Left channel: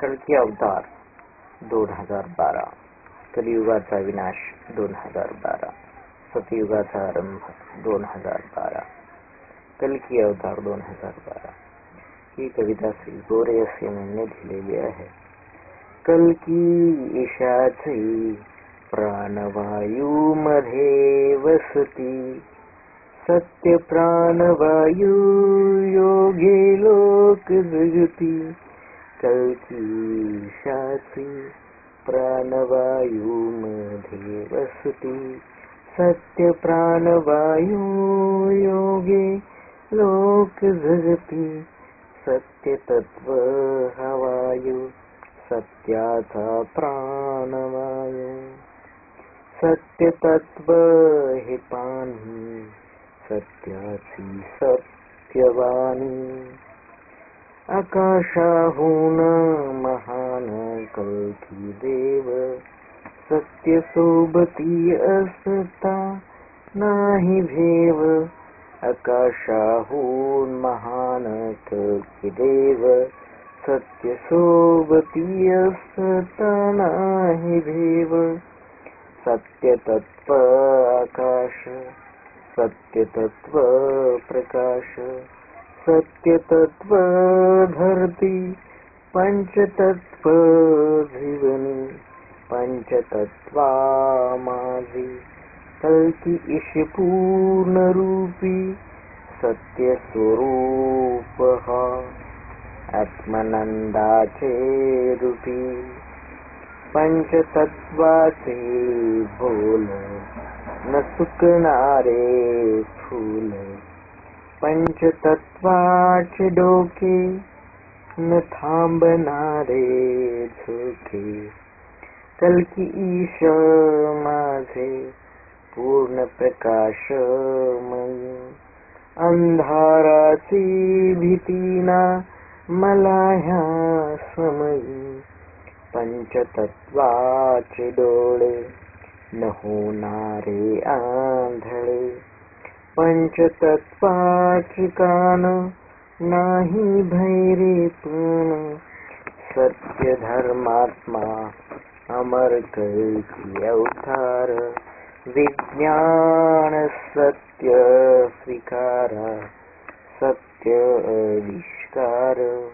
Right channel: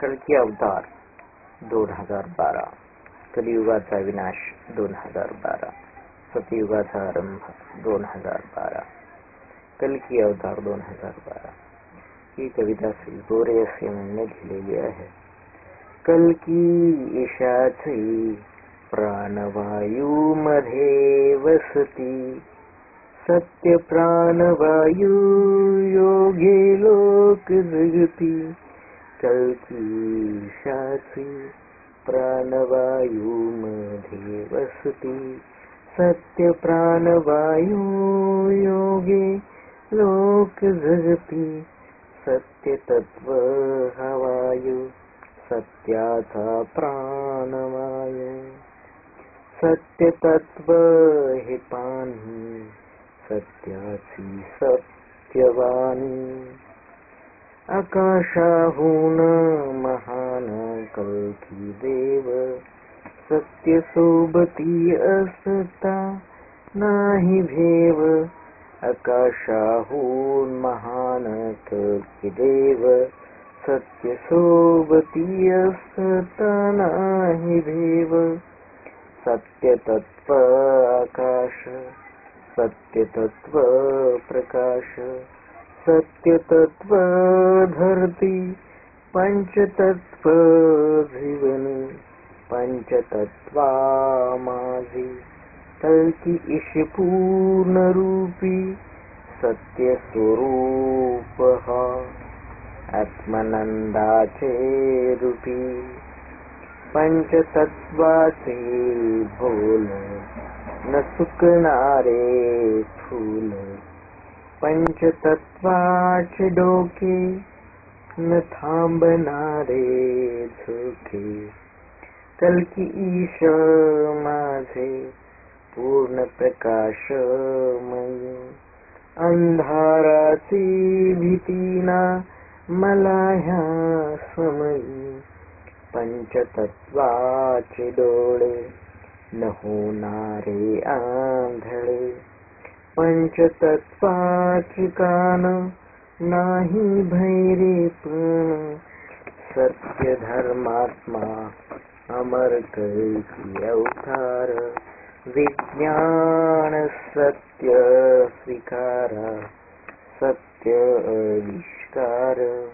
कल्की अवतार 2012, कलियुगाचा विनाश 2012, सतयुगाचा आरंभ 2012, कल्की अवतार 2012 ही कविता श्री गोरे असे यांनी लिहिलेली आहे. कल्की ईशाची प्राणवायू मध्ये वसती, सत्य प्राणवायू योगे लोक जगती. कल्की ईशाची प्राणवायू मध्ये वसती, सत्य प्राणवायू योगे लोक जगती. सत्य तत्व हा वायू, सत्याचा प्राणवायू. सत्य तत्व हे पाणी, सत्याची सत्यवाणी. आकाशाहून महान कल्की देव, सत्य सोबती असता नाही भेव. आकाशाहून महान कल्की देव, सत्य सोबती असता नाही भेव. सत्य तत्व आकाश, सत्य तत्व प्रकाश. सत्य तत्व धरती, पंचतत्व जीवनी. पंचतत्वा माझी कल्की ईश पूर्ण रूपी. सत्य स्वरूप हा आत्मानंदाचे रूपी. पंचतत्वाचे बोल न सुकणारे फूल. पंचतत्वाचे डोके न थांबणारे झोके. कल्की ईश माझे पूर्ण प्रकाशमयी. अंधाराची भीती ना मला ह्या समयी. पंचतत्वाचे डोळे न होणारे आंधळे. पंचतत्वाचे कान नाही भैरेपण. सत्य धर्मात्मा अमर कल्की अवतार. विज्ञान सत्य स्वीकारा, सत्य आविष्कार.